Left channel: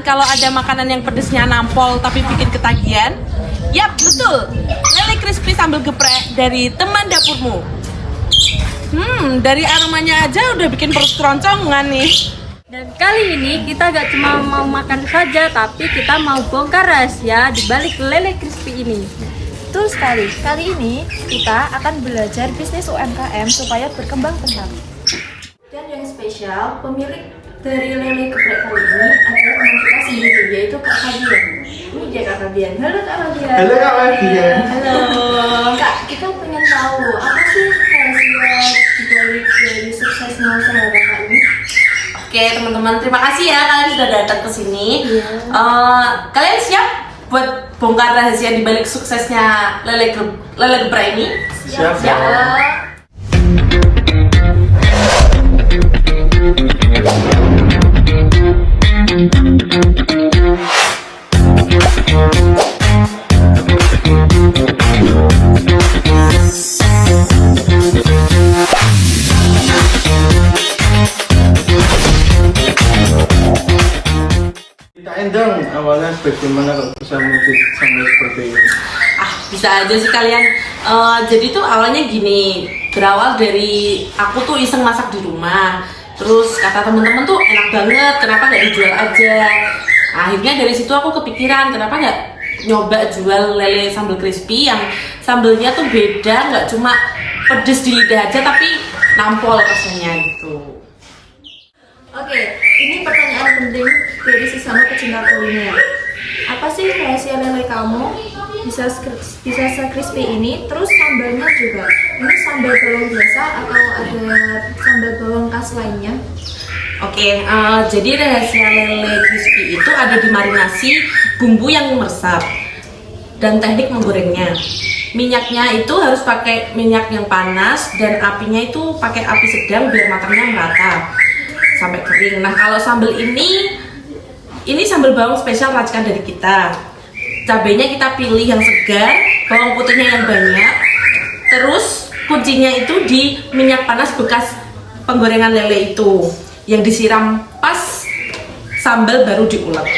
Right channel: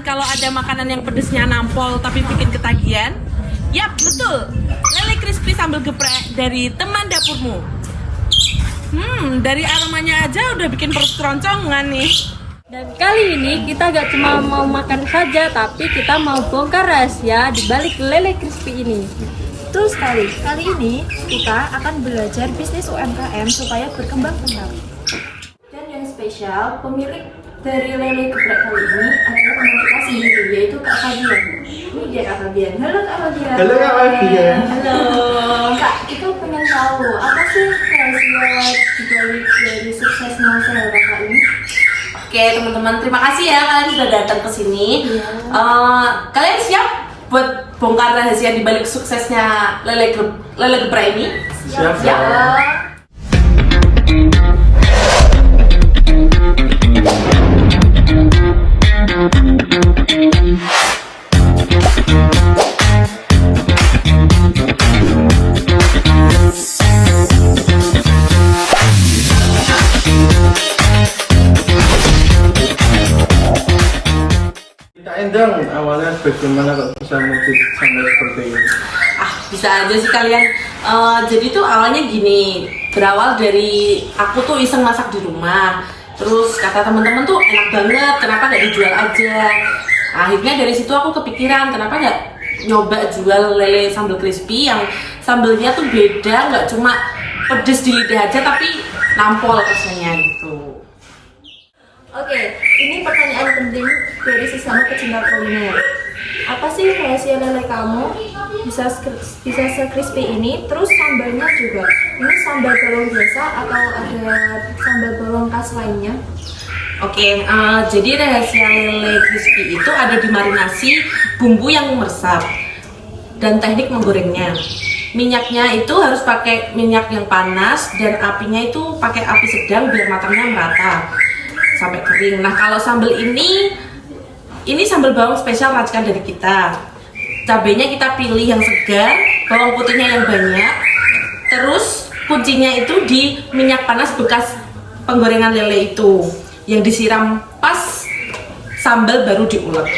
kan kalau ada makanan yang pedesnya nampol tapi bikin ketagihan? Yap, betul. Lele crispy sambal geprek dari teman dapurmu. Dari aromanya aja udah bikin perut keroncongan nih. Dan kali ini kita gak cuma mau makan saja, tapi kita mau bongkar rahasia di balik lele crispy ini. Betul sekali. Kali ini kita akan belajar bisnis UMKM supaya berkembang pesat. Dan yang spesial, pemilik dari lele geprek kali ini adalah teman kita sendiri, yaitu Kak Fabian. Ini dia Kak Fabian. Halo Kak Fabian. Halo Kak Fabian. Halo. Kak, kita pengen tahu apa sih rahasia dibalik dari suksesnya usaha Kakak ini? Oke teman-teman, terima kasih ya kalian sudah datang ke sini. Kalian siap buat bongkar rahasia di balik suksesnya lele geprek ini? Siap. Ceritain dong awalnya bagaimana kok bisa muncul sampai seperti ini. Bisa aja sih kalian. Jadi tuh awalnya gini, berawal dari aku tuh iseng masak di rumah. Terus kata temen-temen tuh enak banget, kenapa nggak dijual aja? Akhirnya dari situ aku kepikiran, kenapa nggak nyoba jual lele sambal crispy yang sambelnya tuh beda, nggak cuma pedes di lidah aja tapi nampol rasanya gitu. Oke, ini pertanyaan penting dari sesama pecinta kuliner. Apa sih rahasia lele kamu bisa se-crispy ini? Terus sambalnya juga, ini sambal bawang biasa atau ada sambal bawang khas lainnya? Oke, jadi rahasia lele crispy itu ada di marinasi bumbu yang meresap dan teknik menggorengnya. Minyaknya itu harus pakai minyak yang panas dan apinya itu pakai api sedang biar matangnya merata sampai kering. Nah kalau sambal ini sambal bawang spesial racikan dari kita. Cabenya kita pilih yang segar, bawang putihnya yang banyak. Terus kuncinya itu di minyak panas bekas penggorengan lele itu, yang disiram pas sambal baru diulek.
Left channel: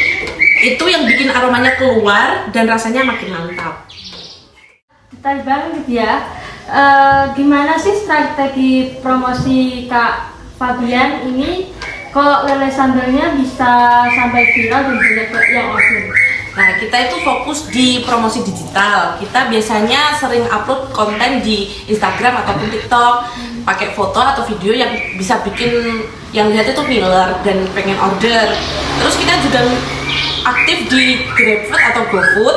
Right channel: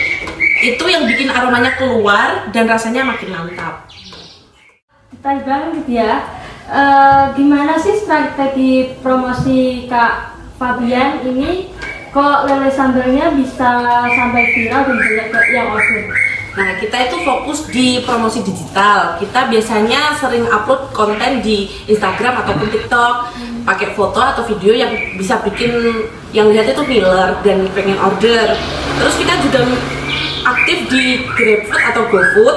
Itu yang bikin aromanya keluar dan rasanya makin mantap. Detail banget ya. Gimana sih strategi promosi Kak Fabian ini? Kok lele sambalnya bisa sampai viral dan banyak yang order? Nah, kita itu fokus di promosi digital. Kita biasanya sering upload konten di Instagram ataupun TikTok, pakai foto atau video yang bisa bikin yang lihat itu ngiler dan pengen order. Terus kita juga aktif di GrabFood atau GoFood,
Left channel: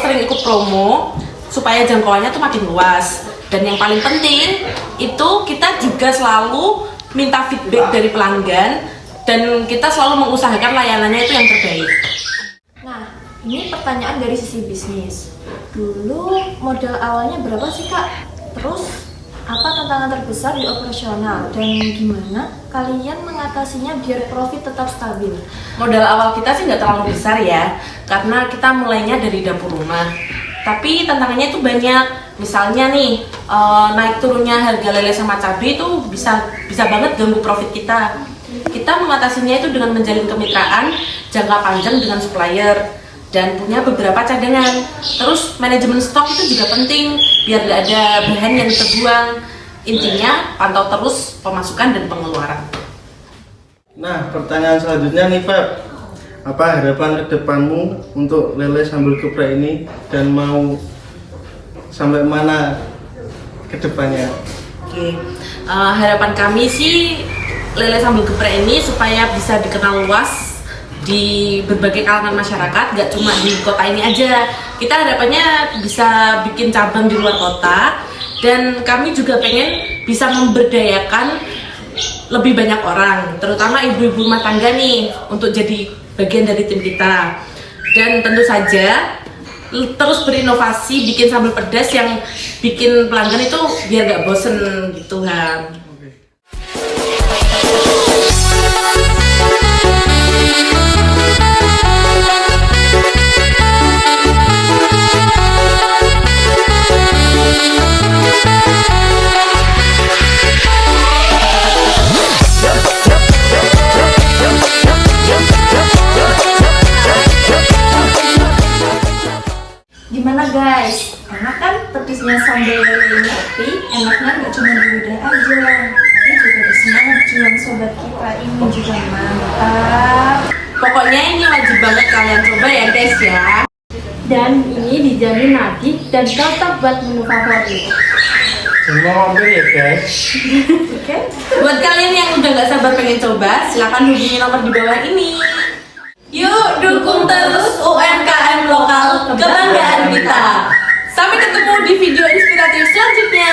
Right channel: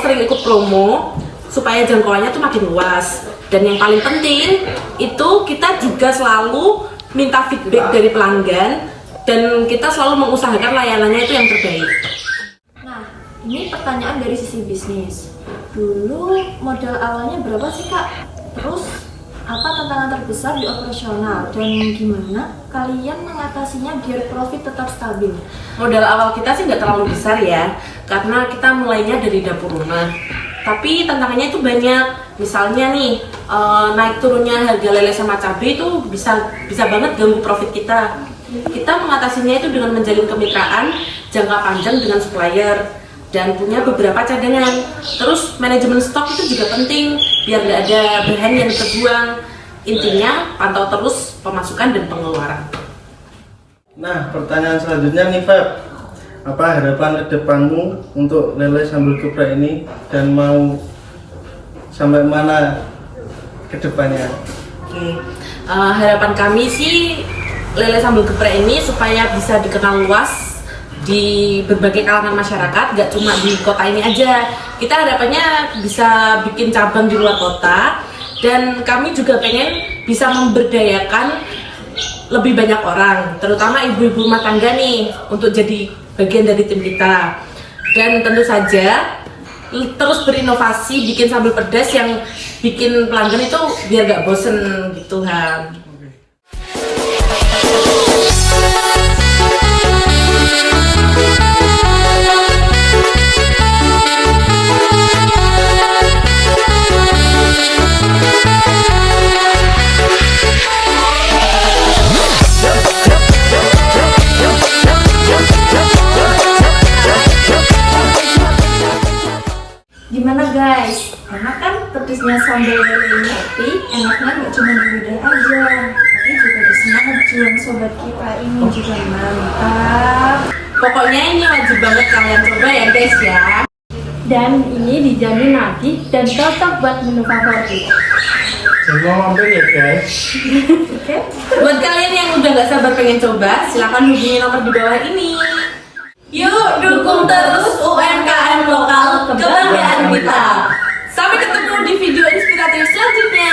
sering ikut promo supaya jangkauannya tuh makin luas. Dan yang paling penting itu kita juga selalu minta feedback dari pelanggan dan kita selalu mengusahakan layanannya itu yang terbaik. Nah, ini pertanyaan dari sisi bisnis. Dulu modal awalnya berapa sih Kak? Terus apa tantangan terbesar di operasional dan gimana kalian mengatasinya biar profit tetap stabil? Modal awal kita sih nggak terlalu besar ya, karena kita mulainya dari dapur rumah. Tapi tantangannya itu banyak. Misalnya nih, naik turunnya harga lele sama cabai itu bisa banget ganggu profit kita. Kita mengatasinya itu dengan menjalin kemitraan jangka panjang dengan supplier dan punya beberapa cadangan. Terus manajemen stok itu juga penting biar nggak ada bahan yang terbuang. Intinya pantau terus pemasukan dan pengeluaran. Nah, pertanyaan selanjutnya nih Feb, apa harapan ke depanmu untuk lele sambal geprek ini dan mau sampai mana ke depannya? Oke, harapan kami sih lele sambal geprek ini supaya bisa dikenal luas di berbagai kalangan masyarakat, gak cuma di kota ini aja. Kita harapannya bisa bikin cabang di luar kota dan kami juga pengen bisa memberdayakan lebih banyak orang, terutama ibu-ibu rumah tangga nih untuk jadi bagian dari tim kita. Dan tentu saja terus berinovasi bikin sambal pedas yang bikin pelanggan itu biar gak bosen gitu Han. pedesnya sambal lele ini tapi enaknya nggak cuma di lidah aja, tapi juga di maju yang sobat kita ini juga mantap. Pokoknya ini wajib banget kalian coba ya guys ya. Dan ini dijamin nagih dan cocok buat menu favorit. Semua mampir ya guys. Oke? Buat kalian yang udah gak sabar pengen coba, silakan hubungi nomor di bawah ini. Yuk dukung terus UMKM lokal, kebanggaan kita. Sampai ketemu di video inspiratif selanjutnya.